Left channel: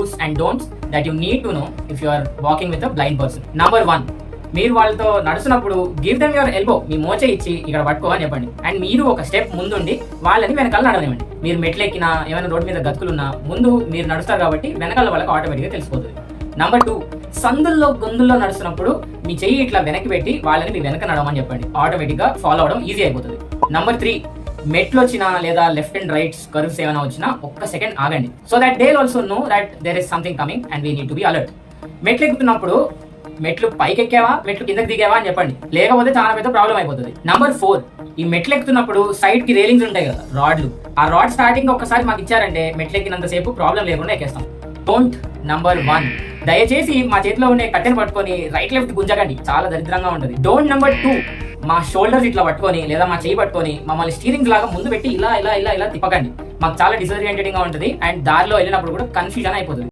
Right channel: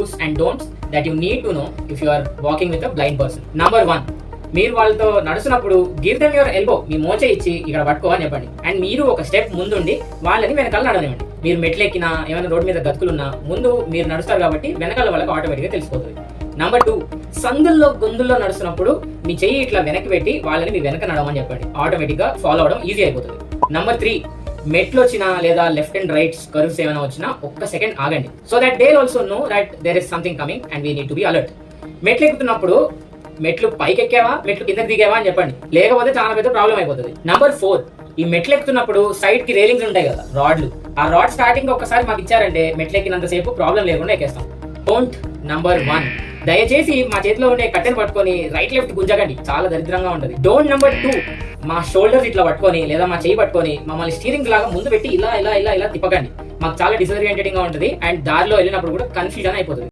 do's and don'ts that you need to know if you are walking with a blind person. Number 1, మీరు వాళ్ళతో నడుస్తున్నప్పుడు give them your elbow, మీ మోచే ఇచ్చి ఇక్కడ పట్టుకో అని చెప్పండి. అండ్ మీరు ఒక స్టెప్ ముందుండి వాళ్ళని వెనకాల నడవనివ్వండి. మీరు మెట్లెక్కినా ఏమైనా రోడ్డు మీద గతుకులున్నా ముందు మీరు నడుస్తారు కాబట్టి వెనకాల వాళ్ళకి ఆటోమేటిక్గా తెలిసిపోతుంది. నంబర్ 2, సందుల్లో గొంతుల్లో నడుస్తున్నప్పుడు మీ చెయ్యి ఇట్లా వెనక్కి పెట్టి వాళ్ళని మీ వెనక నడవమని చెప్పండి. ఆటోమేటిక్గా ఫాలో అవడం ఈజీ అయిపోతుంది. నంబర్ 3, మెట్లు వచ్చినా లేదా లెఫ్ట్ అండ్ రైట్స్ కర్వ్స్ ఏమైనా వచ్చినా ఒక్క సెకండ్ ఆగండి. So that they also know that there is something coming and we need to be alert. మెట్లు ఎక్కుతున్నప్పుడు మెట్లు పైకి ఎక్కావా మెట్లు కిందకి దిగావా అని చెప్పండి, లేకపోతే చాలా పెద్ద ప్రాబ్లం అయిపోతుంది. నంబర్ 4, ఈ మెట్లు ఎక్కుతున్నప్పుడు సైడ్ కి రేలింగ్స్ ఉంటాయి కదా, రాడ్లు. ఆ రాడ్ స్టార్టింగ్ ఒక్కసారి మాకు ఇచ్చారంటే మెట్లు ఎక్కినంత సేపు ప్రాబ్లం లేకుండా ఎక్కేస్తాం. డోంట్. నంబర్ 1, దయచేసి మా చేతిలో ఉండే కట్టెని పట్టుకొని రైట్ లెఫ్ట్ గుంజకండి, చాలా దరిద్రంగా ఉంటుంది. డోంట్. నంబర్ 2, మా షోల్డర్స్ ఇట్లా పట్టుకొని లేదా మా చేయి పట్టుకొని మమ్మల్ని స్టీరింగ్ లాగా ముందు పెట్టి ఇలా ఇలా ఇలా ఇలా తిప్పకండి. మాకు చాలా డిసడ్వాంటేజింగ్ గా ఉంటుంది అండ్ దారిలో వెళ్ళినప్పుడు కూడా కన్ఫ్యూజన్ అయిపోతుంది.